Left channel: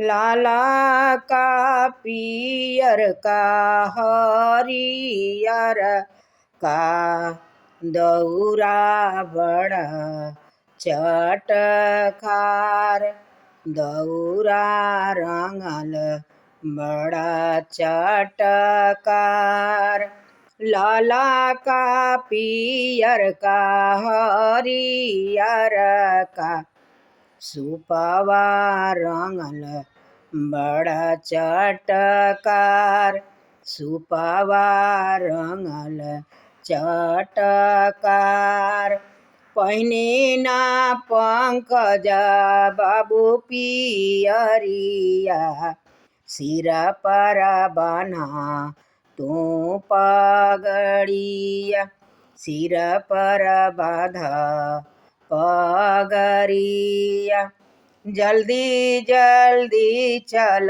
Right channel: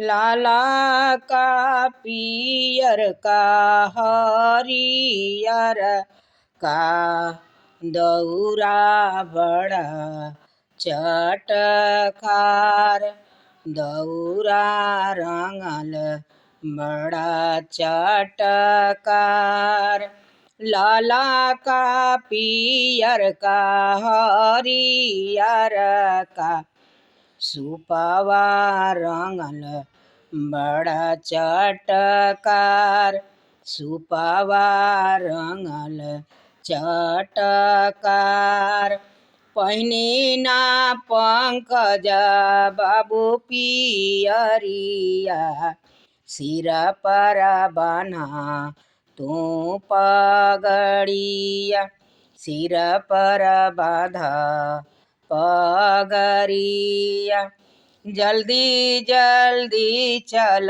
लाला का पियर का हरियर का दौरा बड़ा चटकार, दौरा रंगल बड़ा चटकार। लाला का पियर का हरियर का सुपवा रंगल बड़ा चटकार, सुपवा रंगल चटकार। पहिने ना पंकज बाबू पियरिया, सिर पर बना तू पगड़िया, सिर पर बाधा पगड़िया। जल्दी जल्दी चल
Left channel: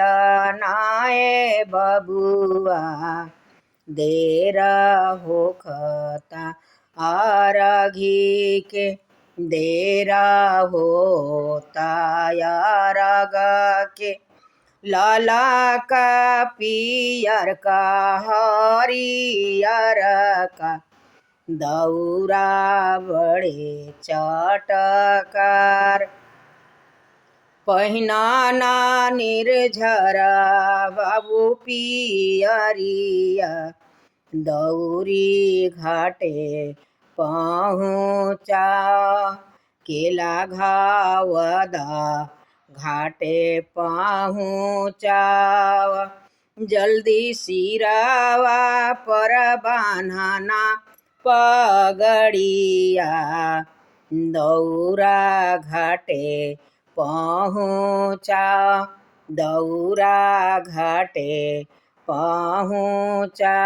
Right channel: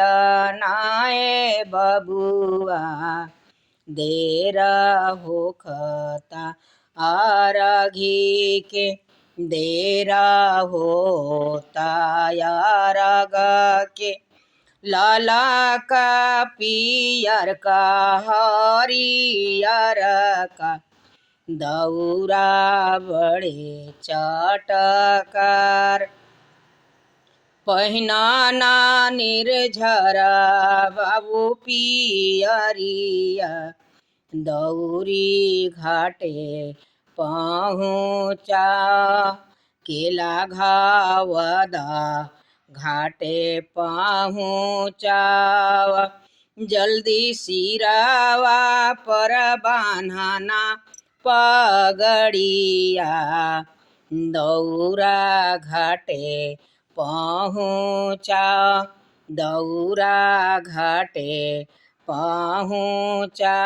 नाए बबुआ, देर होखता आरघी के, देर होता आरघ के। लाला का पियर का हरियर का दौरा बड़े चटकार। पहिना ना निर्झर बाबू पियरिया, दौरी घाटे पहुँचा, केला घावदा घाटे पहुँचाव। जल्दी सिरावा पर बान्हना पगड़िया, दौरा घाटे पहुँचा, दौरा घाटे पहुँचा।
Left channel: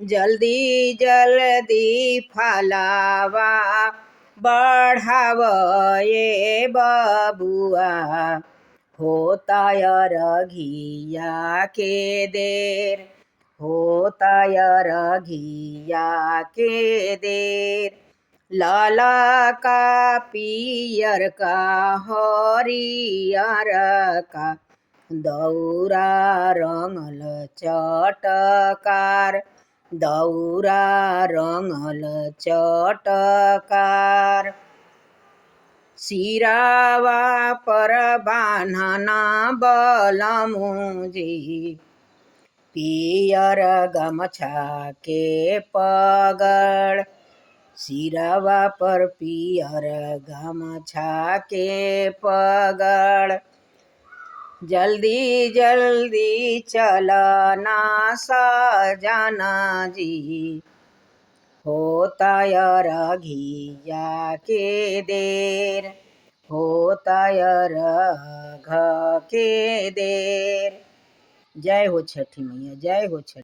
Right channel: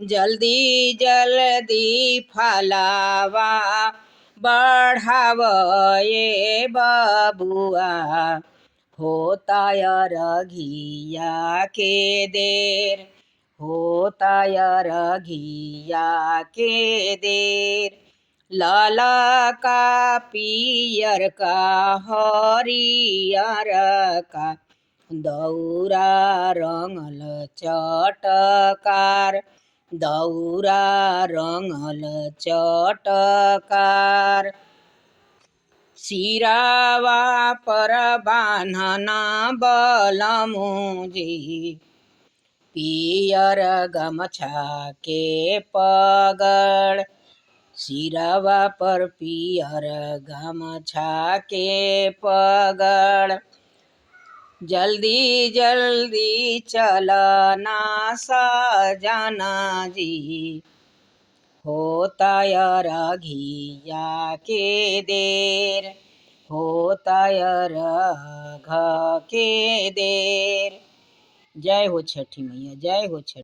जल्दी जल्दी फलावा बढ़ाव ये बबुआ, होता अरघिया के देर, होता अरघिया के देर। लाला का पियर का हरियर का दौरा रंगल चटकार, दौरा रंगल चटकार। सिरावा पर बान्हना बलमुजी, पियर गमछा के पगड़, सिरवा पर पियर गमछा के पगड़। जल्दी जल्दी चलना सजना जी, होता अरघिया के देर, होता अरघ के देर। जय हो छठी मैया, जय हो छठी।